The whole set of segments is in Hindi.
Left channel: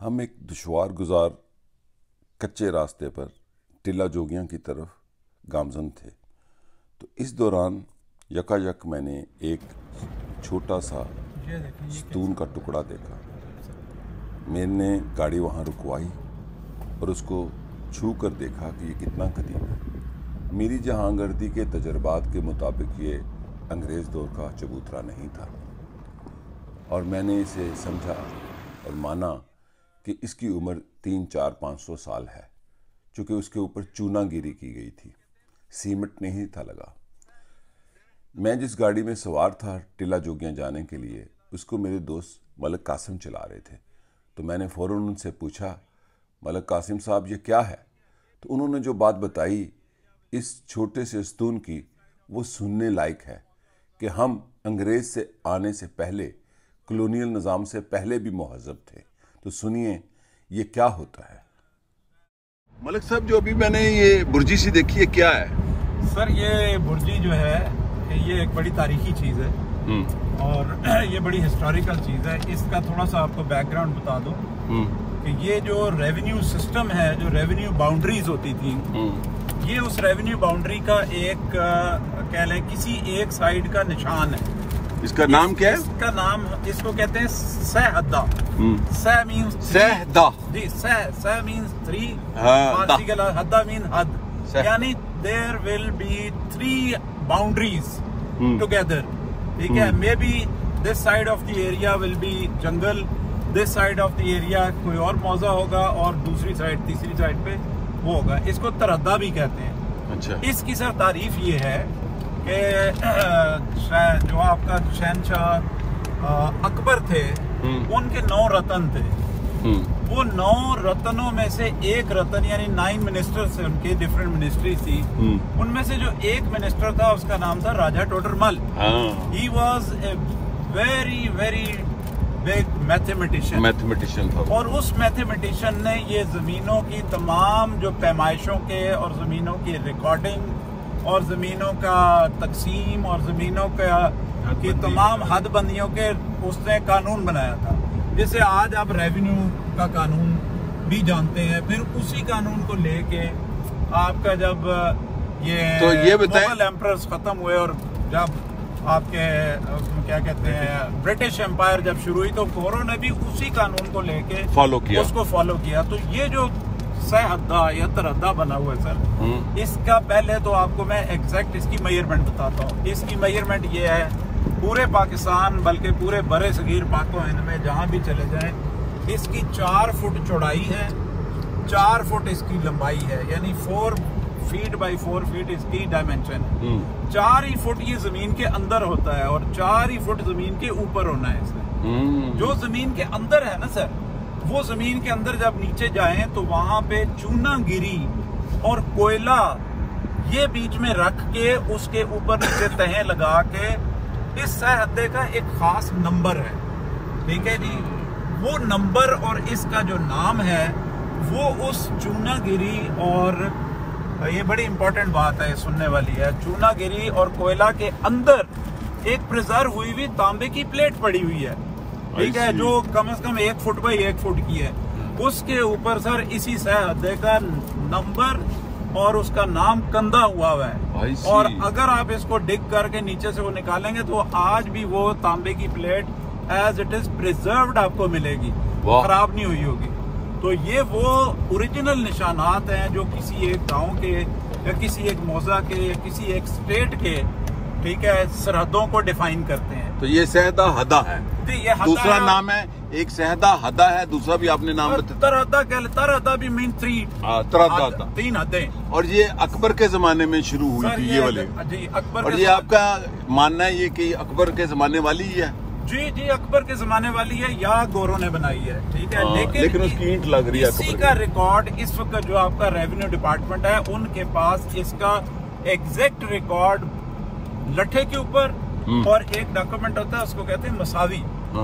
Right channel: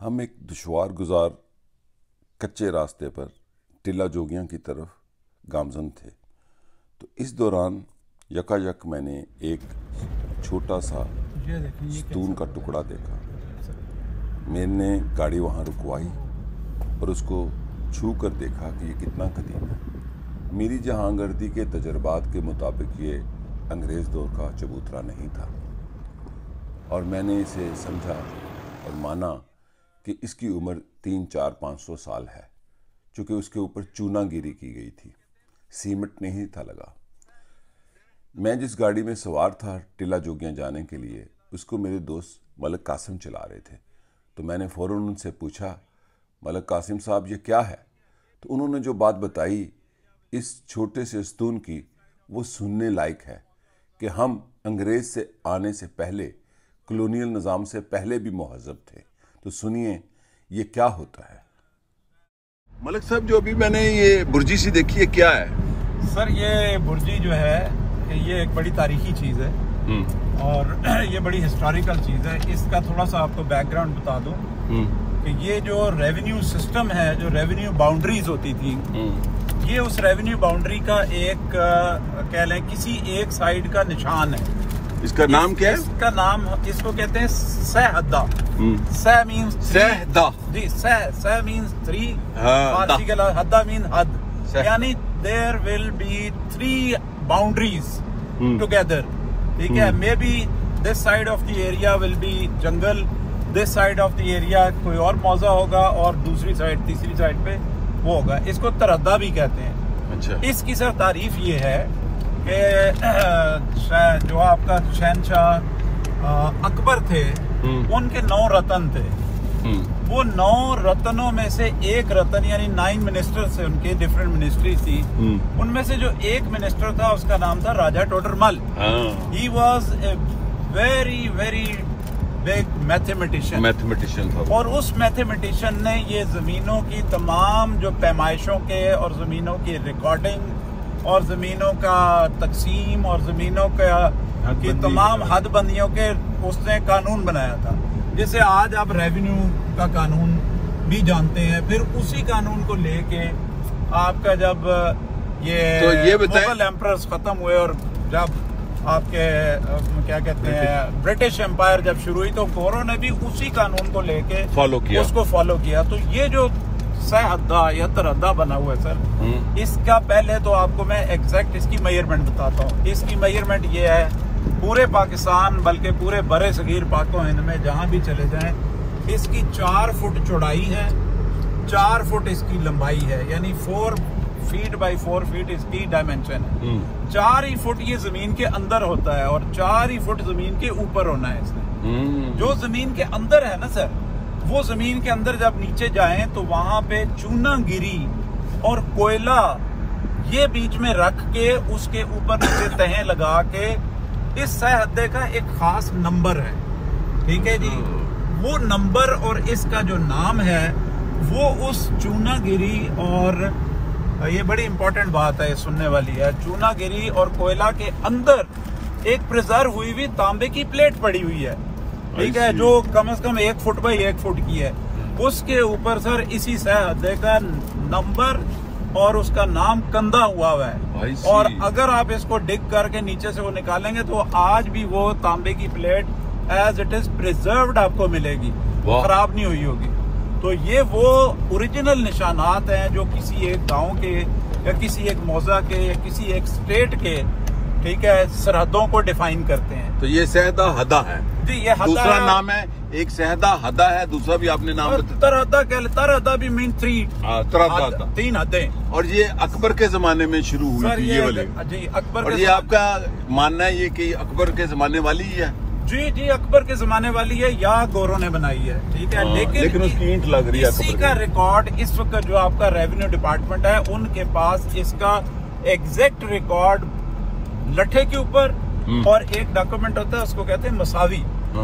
हम एक दुश्वार गुजार कच्चे रास्ते पर टिल्ला जोगियां की तरफ गामजन थे। तो इस दौरान यकायक मैंने एक छोटा सा स्तून का टुकड़ा देखा। मैंने गाड़ी वहाँ रुकवाई और उसको छू कर देखा कि ये कितना कदीम है। मेरी जहांगर्दी के तजर्बात के मुताबिक ये अंग्रेज़ दौर का चबूतरा नहीं था और मैंने इसे समझा और माना कि इसकी उम्र 300-400-500 साल है, चूँकि उसके ऊपर चूनागिरी की गई थी, सीमेंट नहीं था लगा। मैं जिस गाड़ी में सवार था टिल्ला जोगियां जाने के लिए, उसको मेरे दोस्त मलिक कासिम चला रहे थे। तो मैंने फ़ौरन उनसे पूछा, मलिक कासिम साहब ये क्या है? तो उन्होंने जो बात बताई इस छोटे से स्तून की, वो सुनने लायक है कि हम अंग्रेज़ से आने से पहले, कॉलोनियल निज़ाम से पहले भी मुहज़्ज़ब थे। तो सुनिए ये क्या होता है। मलिक साहब, जो अभी मैंने ये बुर्जी सी देखी है, क्या है? सर ये बुर्जी जो है ये एक बड़ी तारीखी चीज है और ये बड़ी हिस्टोरिकल चीज है। इसका थोड़ा सा आपको बैकग्राउंड बता दूं कि ये जो रेवेन्यू सिस्टम है, जो रेवेन्यू बाउंड्रीज होती थी, ये उस रेवेन्यू बाउंड्री का एक कह लें किसी एक साइड का निशान है। इसका नाम क्या है? इसका नाम, इसको कहते हैं सहहद्दा। सह मीन्स सहहद्दा जी, सह मीन्स 3, हद्दा मीन हद, यानी there will be 3 boundaries together. ठीक है, maybe this side of the area will be jungle, this side of the area कोई और मौजा होगा और दूसरी साइड, तीसरी साइड पे वो होगा। इसको तरद्दा भी कहते हैं। अच्छा। इसकी सर तारीफ ये है कि जो आपका शहनशाह अकबर थे, उनके 9 रतन थे। वो 9 रत्नों में से एक रतन, यानी 9 मिनिस्टर्स थे उनके, डिफरेंट मिनिस्ट्री थी। उनमें से जो एक मिनिस्टर था उसका नाम था Raja Todarmal. He was a very very big mathematician था। और उस मैथमेटिशियन ने ये जमीनों की तमाम जो पैमाइशों के और जमीनों की रिकॉर्डिंग और जमीनों का तकसीम और जमीनों की तमाम हदबंदियों के उसने कानून बनाया था। जैसे आज आप रेवेन्यू का कानून भी जानते हैं, फिर उसी कानून को लेके आपका जब ये मुगल एम्परर्स खत्म हुए और जब आपके क्या कहते हैं ब्रिटिश एम्पायर जब शुरू हुई, तो फोरो ने भी उसी कानून को लेके उसको फॉलो किया। तो ये जो सहहद्दा या तरद्दा बना हुआ है सर, इसका पहले तो आपको मैं एग्जैक्ट इसकी मेजरमेंट बताता हूँ। इसकी मेजरमेंट ये है, पूरे पाकिस्तान बल्कि पूरे बड़े सगीर पाको हिंद में जहां भी चले जाएं, इसकी 4 फुट चौड़ाई है, 4 फुट इसकी लंबाई है, यानी 4 फीट बाई 4 फीट इसकी डायमेंशन है। 4 ही फुट ये जमीन के अंदर होता है और 4 ही फुट जमीन के ऊपर होना है इसमें। जो जमीन के अंदर है ना सर, वो जमीन के अंदर जब नीचे जाएं तो वहां पे चूनागिरी और कोयला ये बीच में रख के उसके ऊपर नीचे तहें लगा के इस सहहद्दे का एक खास नंबर है। ठीक है जी, वो नंबर और इसका जो नाम है वो उस चूनागिरी, और ये बड़ी इंपॉर्टेंट बात है, सुनने वाली है, चूनागिरी और कोयला के अंदर एक प्रिजर्व हुई हुई तांबे की प्लेट पड़ी हुई है। ठीक है, जो कम से कम 1 फुट बाई 1 फुट की है। उसके ऊपर सर इसी सहहद्दे का नंबर और उसका नाम कंधा हुआ है। और अगर आप इसको डिग करके नीचे से वो निकालेंगे तो आज भी वो तांबे की plate as it is preserved आपको मिलेगी, खराब नहीं हुई होगी। तो ये वो ओरिजिनल निशानात हैं जो किसी एक गांव के या किसी एक मौजा के या किसी एक स्टेट के, ठीक है, सरहदों को डिफाइन करते हैं। तो ये सहदा हदा है जी, ये दूसरा नाम है। एक सहदा हदा है, दूसरा भी आपने नाम बताया, तरहदा भी मीन 3 हदें। और ये अकबर के जमाने में शुरू हुई थी ये वाले जी, अकबर। और ये आपका मानना है ये कि अकबर के जमाने वाली ही है? जी जी, अकबर के जमाने वाली है या गोरों ने बनाई है। ठीक है, लेकिन उसकी ईंट लग रही है। इसी का रिकॉर्ड इस वक्त जो आपका रेवेन्यू डिपार्टमेंट है उनके पास इसका एग्जैक्ट रिकॉर्ड लट्ठे के ऊपर, और एक डॉक्यूमेंट होता है उसको कहते हैं मसावी,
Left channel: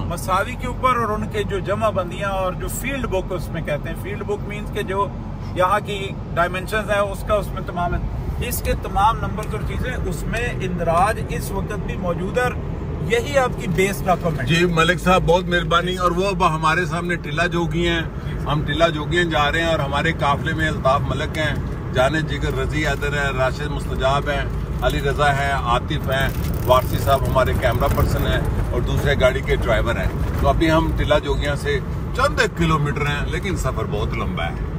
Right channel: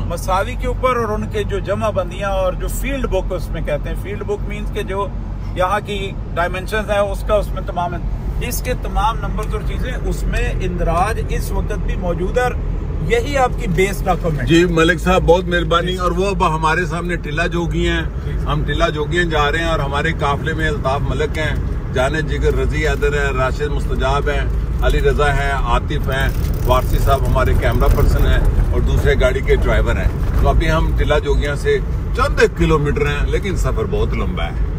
मसावी के ऊपर, और उनके जो जमा बंदियां और जो फील्ड बुक उसमें कहते हैं। फील्ड बुक मीन्स के जो यहाँ की डायमेंशन है उसका उसमें तमाम इसके तमाम नंबर और चीजें उसमें इंदराज इस वक्त भी मौजूद है। यही आपकी बेस डॉक्यूमेंट। जी मलिक साहब बहुत मेहरबानी। और वो अब हमारे सामने टिल्ला जोगी हैं, हम टिल्ला जोगियां जा रहे हैं और हमारे काफिले में अल्ताफ मलिक हैं, जाने जिगर रजी हैदर है, राशिद मुस्तजाब है, अली रजा है, आतिफ है, वारसी साहब हमारे कैमरा पर्सन है और दूसरे गाड़ी के ड्राइवर हैं। तो अभी हम टिल्ला जोगियां से चंद किलोमीटर हैं, लेकिन सफर बहुत लंबा है।